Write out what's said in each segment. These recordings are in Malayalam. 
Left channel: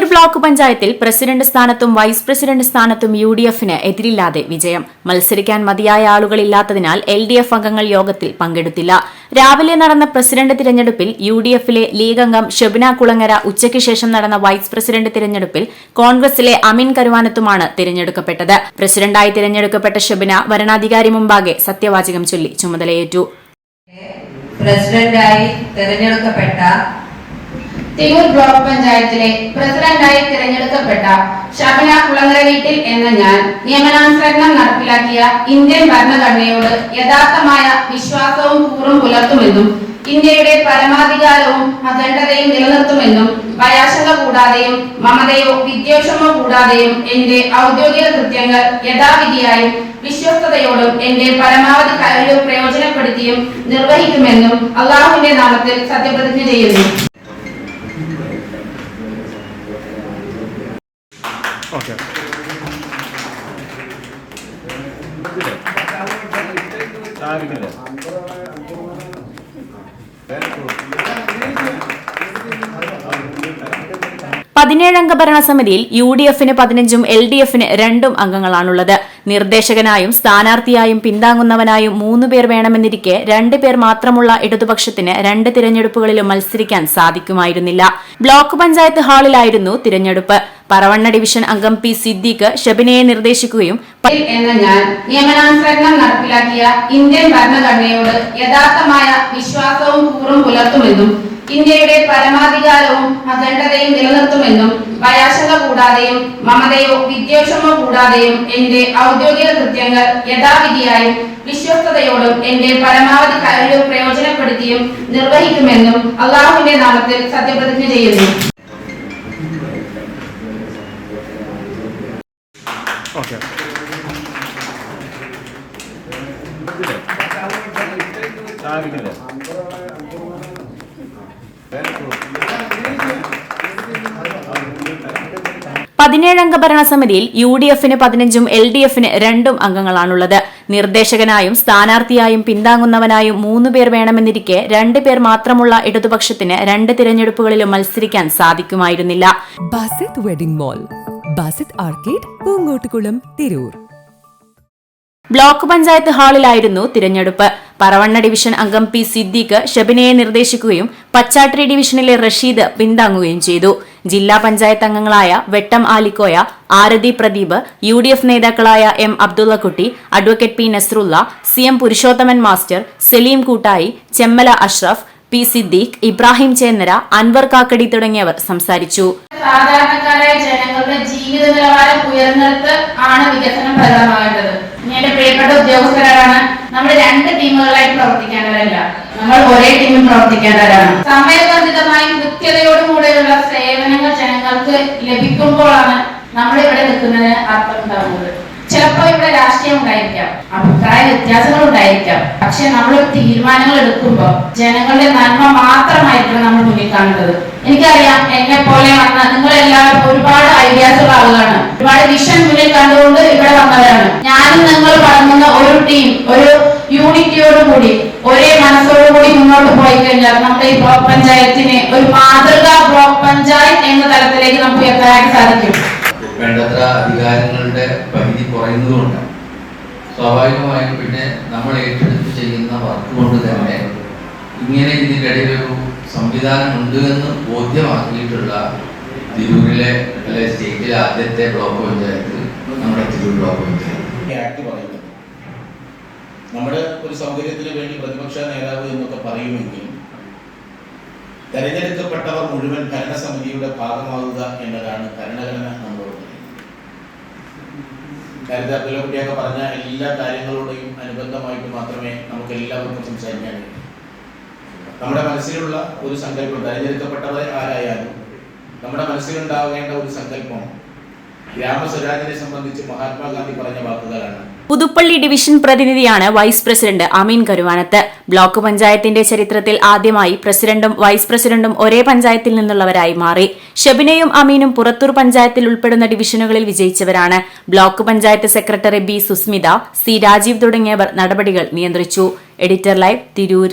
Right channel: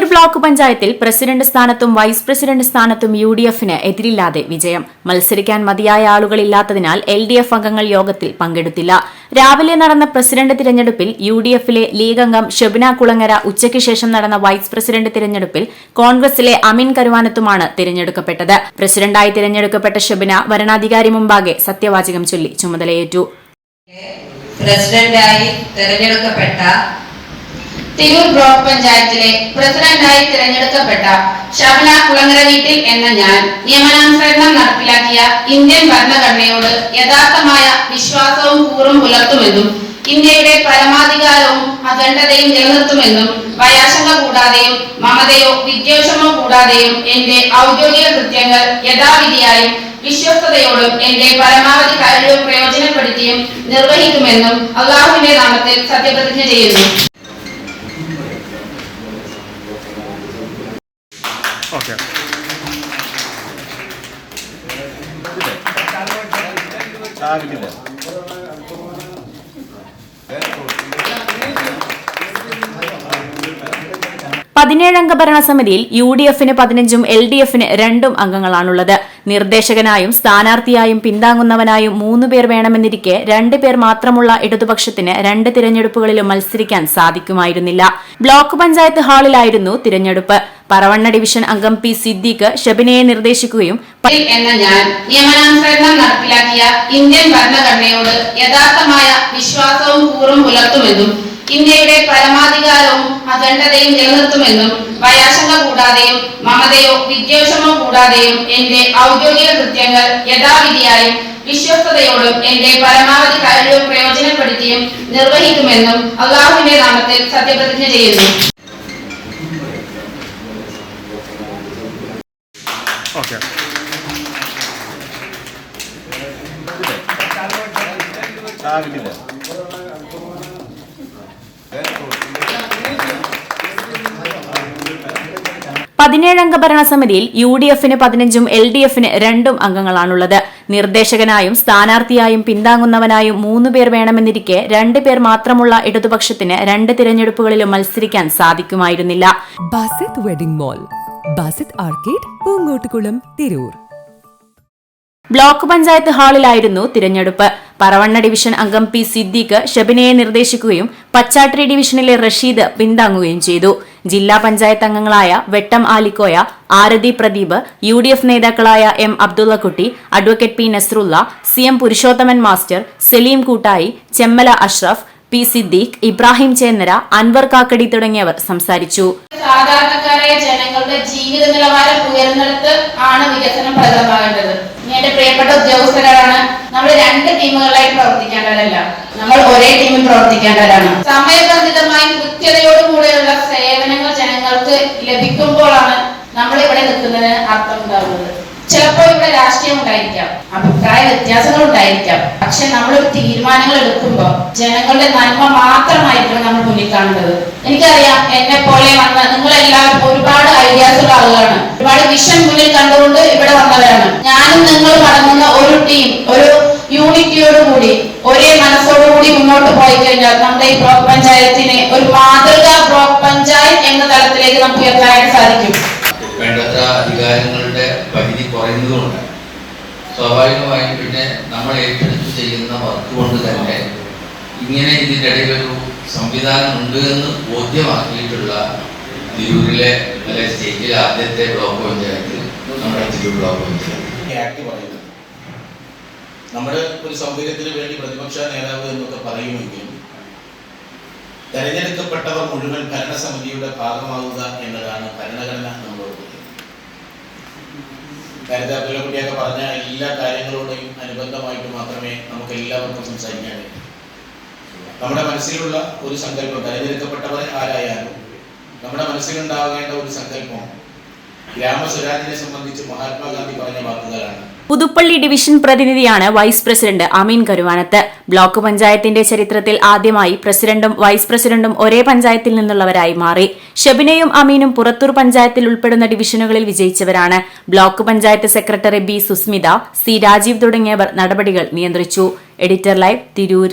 തിരൂർ ബ്ലോക്ക് പഞ്ചായത്തിൽ പ്രസിഡന്റ് സ്ഥാനത്തും വൈസ് പ്രസിഡന്റ് സ്ഥാനത്തും UDF-ന് എതിരില്ലാതെ വിജയം. മത്സരിക്കാൻ മതിയായ ആളുകളില്ലാത്തതിനാൽ LDF അംഗങ്ങൾ യോഗത്തിൽ പങ്കെടുത്തില്ല. രാവിലെ നടന്ന പ്രസിഡന്റ് തിരഞ്ഞെടുപ്പിൽ UDF-ലെ ലീഗ് അംഗം ഷെബിന കുളങ്ങര, ഉച്ചയ്ക്ക് ശേഷം നടന്ന വൈസ് പ്രസിഡന്റ് തിരഞ്ഞെടുപ്പിൽ കോൺഗ്രസിലെ അമീൻ കരുവാനത്തുമാണ് തിരഞ്ഞെടുക്കപ്പെട്ടത്. പ്രസിഡന്റായി തിരഞ്ഞെടുക്കപ്പെട്ട ഷെബിന വരണാധികാരി മുമ്പാകെ സത്യവാചകം ചൊല്ലി ചുമതലയേറ്റു. പ്രസിഡന്റായി തിരഞ്ഞെടുക്കപ്പെട്ട തിരൂർ ബ്ലോക്ക് പഞ്ചായത്തിലെ പ്രസിഡന്റായി തിരഞ്ഞെടുക്കപ്പെട്ട ഷബിന കുളങ്ങര വീട്ടിൽ എന്ന ഞാൻ നിയമനാനുസരണം നടപ്പിലാക്കിയ ഇന്ത്യൻ ഭരണഘടനയോട് യഥാർത്ഥമായ വിശ്വാസവും കൂറും പുലർത്തുമെന്നും ഇന്ത്യയുടെ പരമാധികാരവും അഖണ്ഡതയും നിലനിർത്തുമെന്നും ഭയാശങ്ക കൂടാതെയും മമതയോ വിദ്വേഷമോ കൂടാതെയും എന്റെ ഔദ്യോഗിക കൃത്യങ്ങൾ യഥാവിധിയായും വിശ്വസ്തയോടും എന്റെ പരമാവധി കഴിവ് പ്രയോജനപ്പെടുത്തിയും നിർവഹിക്കുമെന്നും അള്ളാഹുവിന്റെ നാമത്തിൽ സത്യപ്രതിജ്ഞ ചെയ്യുന്നു. Okay. പതിനേഴംഗ ഭരണസമിതിയിൽ UDF-ന് 15ഉം LDF-ന് 2 അംഗങ്ങളാണുള്ളത്. നിർദ്ദേശകനായും സ്ഥാനാർത്ഥിയായും പിന്താങ്ങുന്നവനായും 3 പേർ വേണമെന്നിരിക്കെ 2 പേർ മാത്രമുള്ള ഇടതുപക്ഷത്തിന് 2 തിരഞ്ഞെടുപ്പുകളിലും മത്സരിക്കാൻ സാധിക്കുമായിരുന്നില്ല. ബ്ലോക്ക് പഞ്ചായത്ത് ഹാളിലായിരുന്നു തിരഞ്ഞെടുപ്പ്. പറവണ്ണ ഡിവിഷൻ അംഗം P. സിദ്ദീഖ് ഷെബിനയെ നിർദ്ദേശിക്കുകയും എന്ന ഞാൻ നിയമനാനുസരണം നടപ്പിലാക്കിയ ഇന്ത്യൻ ഭരണഘടനയോട് യഥാർത്ഥമായ വിശ്വാസവും കൂറും പുലർത്തുമെന്നും ഇന്ത്യയുടെ പരമാധികാരവും അഖണ്ഡതയും നിലനിർത്തുമെന്നും ഭയാശങ്ക കൂടാതെയും മമതയോ വിദ്വേഷമോ കൂടാതെയും എന്റെ ഔദ്യോഗിക കൃത്യങ്ങൾ യഥാവിധിയായും വിശ്വസ്തയോടും എന്റെ പരമാവധി കഴിവ് പ്രയോജനപ്പെടുത്തിയും നിർവഹിക്കുമെന്നും അള്ളാഹുവിന്റെ നാമത്തിൽ സത്യപ്രതിജ്ഞ ചെയ്യുന്നു. Okay. പതിനേഴംഗ ഭരണസമിതിയിൽ UDF-ന് 15ഉം LDF-ന് 2 അംഗങ്ങളാണുള്ളത്. നിർദ്ദേശകനായും സ്ഥാനാർത്ഥിയായും പിന്താങ്ങുന്നവനായും 3 പേർ വേണമെന്നിരിക്കെ 2 പേർ മാത്രമുള്ള ഇടതുപക്ഷത്തിന് 2 തിരഞ്ഞെടുപ്പുകളിലും മത്സരിക്കാൻ സാധിക്കുമായിരുന്നില്ല. Basith wedding mall, Basith arcade, Poongottukulam, Tirur. Block panchayat ഹാളിലായിരുന്നു തിരഞ്ഞെടുപ്പ്. പറവണ്ണ ഡിവിഷൻ അംഗം P. സിദ്ദീഖ് ഷെബിനയെ നിർദ്ദേശിക്കുകയും പച്ചാട്രി ഡിവിഷനിലെ റഷീദ് പിന്താങ്ങുകയും ചെയ്തു. ജില്ലാ പഞ്ചായത്ത് അംഗങ്ങളായ വെട്ടം ആലിക്കോയ, ആരതി പ്രദീപ്, UDF നേതാക്കളായ M. Abdullakutty, advocate P. Nasrulla, CM Purushothaman master, Saleem Koottayi, Chemmala Ashraf, P. Siddique, Ibrahim Chennara, Anwar കാക്കടി തുടങ്ങിയവർ സംസാരിച്ചു. സാധാരണക്കാരായ ജനങ്ങളുടെ ജീവിത നിലവാരം ഉയർന്നിടത്ത് ആണ് വികസനം പ്രധാനമാകേണ്ടത്. എന്റെ പ്രിയപ്പെട്ട ഉദ്യോഗസ്ഥരാണ് നമ്മൾ 2 ടീമുകളായി പ്രവർത്തിക്കേണ്ടവരല്ല, നമ്മൾ ഒരേ ടീമിൽ പ്രവർത്തിക്കേണ്ടവരാണ്. സമയബന്ധിതമായി കൃത്യതയോടുകൂടെയുള്ള സേവനങ്ങൾ ജനങ്ങൾക്ക് ലഭിക്കുമ്പോഴാണ് നമ്മൾ ഇവിടെ നിൽക്കുന്നതിന് അർത്ഥം ഉണ്ടാകുന്നത്. ചിലപ്പോൾ ഇവിടെ രാഷ്ട്രീയം ഉണ്ടായിരിക്കാം, അഭിപ്രായ വ്യത്യാസങ്ങൾ ഉണ്ടായിരിക്കാം, പക്ഷെ നമ്മൾ തീരുമാനങ്ങൾ എടുക്കുമ്പോൾ ജനങ്ങളുടെ നന്മ മാത്രമായിരിക്കണം നമ്മൾ മുന്നിൽ കാണുന്നത്. എനിക്കറിയാം, എന്നെ പോലെ വന്ന നിങ്ങളെല്ലാവരും ഒരുപാട് ഐഡിയാസ് ഉള്ള ആളുകളാണ്, ഒരുപാട് വിഷൻ മുന്നിൽ കണ്ടുകൊണ്ട് ഇവിടെ വന്നവരാണ്. ഞാനും നിങ്ങൾ അടങ്ങുന്ന ഒരു ടീം, ഒരു യൂണിറ്റിയോടുകൂടി ഒരേ മനസ്സോടുകൂടി മുന്നോട്ട് പോയി കഴിഞ്ഞാൽ നമ്മുടെ ഈ ബ്ലോക്ക് പഞ്ചായത്തിനെ ഒരു മാതൃകാ ബ്ലോക്ക് പഞ്ചായത്ത് എന്ന തലത്തിലേക്ക് നമുക്ക് ഉയർത്താൻ സാധിക്കും. വേണ്ടത്ര അധികാരങ്ങളുടെ പരിധി കുറയുന്നതുകൊണ്ട് സ്വാഭാവികമായും പിന്നെ നമ്മൾ ഏറ്റെടുത്ത് ചെയ്യുന്ന വർക്ക് കൊണ്ട് തന്നെ ഇങ്ങനെ ഇതിൻ്റെ ഇടയിൽ ഒരു സംവിധാനം ഉണ്ട് എന്ന് ബോധ്യമാക്കിയിട്ടുള്ള തിരൂരിലെ അല്ലെ സ്റ്റേറ്റിലെ ആദ്യത്തെ ബ്ലോക്ക് പഞ്ചായത്ത് നമ്മുടെ തിരൂർ ബ്ലോക്ക് പഞ്ചായത്ത് ആക്ട് പറയുന്നത്. നമ്മുടെ ഒരു സൗകര്യത്തിന് വേണ്ടി പ്രതിപക്ഷ നേതാവ് എന്നൊക്കെ പറയുമെങ്കിലും തെരഞ്ഞെടുക്കപ്പെട്ടവർ മുഴുവൻ ഭരണസമിതിയുടെ ഭാഗമാവുക എന്നതാണ് ഭരണഘടന നമ്മളോട്. നേരത്തെ അബ്ദുള്ളക്കുട്ടിയൊക്കെ പറഞ്ഞ എല്ലാ കാര്യങ്ങളോടെയും അനുബന്ധമായിട്ട് മാത്രമേ നമുക്ക് എല്ലാവർക്കും സംസാരിക്കാൻ കഴിയൂ. നമ്മുടെ മനസ്സിലുള്ള ഒരു സങ്കല്പം, തെരഞ്ഞെടുക്കപ്പെട്ടവരെ ആരായാലും നമ്മുടെ മനസ്സിലുണ്ടാവേണ്ട ഒരു സങ്കല്പം ഗ്രാമസ്വരാജിനെ സംബന്ധിച്ച് മഹാത്മാഗാന്ധി പറഞ്ഞ വാക്കുകളാണ്. പുതുപ്പള്ളി ഡിവിഷൻ പ്രതിനിധിയാണ് വൈസ് പ്രസിഡന്റ് അമീൻ കരുവാനത്ത്. ബ്ലോക്ക് പഞ്ചായത്തിന്റെ ചരിത്രത്തിൽ ആദ്യമായി പ്രസിഡന്റും വൈസ് പ്രസിഡന്റും ഒരേ പഞ്ചായത്തിൽ നിന്നുള്ളവരായി മാറി. ഷെബിനയും അമീനും പുറത്തൂർ പഞ്ചായത്തിൽ ഉൾപ്പെടുന്ന ഡിവിഷനുകളിൽ വിജയിച്ചവരാണ്. Block panchayat secretary B. Susmitha, C. Rajeev തുടങ്ങിയവർ നടപടികൾ നിയന്ത്രിച്ചു. Editor live, Tirur.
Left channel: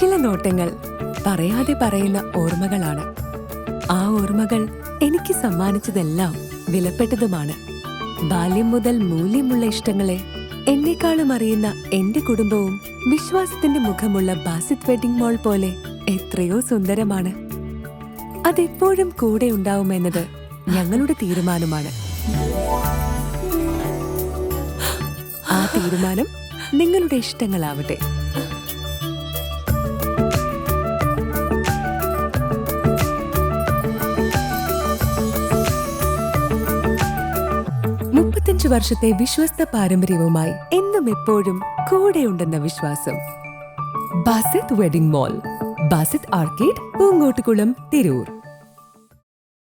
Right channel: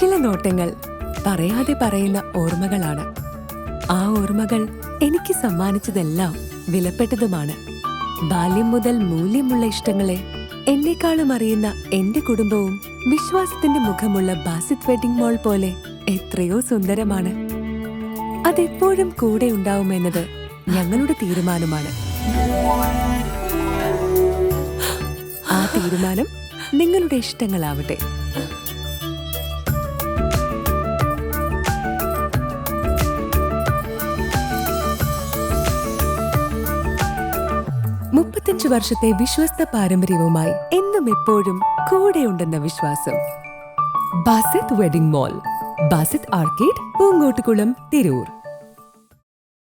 ചില നോട്ടങ്ങൾ പറയാതെ പറയുന്ന ഓർമ്മകളാണ്. ആ ഓർമ്മകൾ എനിക്ക് സമ്മാനിച്ചതെല്ലാം വിലപ്പെട്ടതുമാണ്. ബാല്യം മുതൽ മൂല്യമുള്ള ഇഷ്ടങ്ങളെ എന്നെക്കാളും അറിയുന്ന എന്റെ കുടുംബവും വിശ്വാസത്തിന്റെ മുഖമുള്ള ബാസിത് വെഡിംഗ് മോൾ പോലെ എത്രയോ സുന്ദരമാണ്. അതെപ്പോഴും കൂടെ ഉണ്ടാവുമെന്നത് ഞങ്ങളുടെ തീരുമാനമാണ്. ആ തീരുമാനം നിങ്ങളുടെ ഇഷ്ടങ്ങളാവട്ടെ. വർഷത്തെ വിശ്വസ്ത പാരമ്പര്യവുമായി എന്നും എപ്പോഴും കൂടെയുണ്ടെന്ന വിശ്വാസം. Basith wedding mall, Basith arcade, Poongottukulam, Tirur.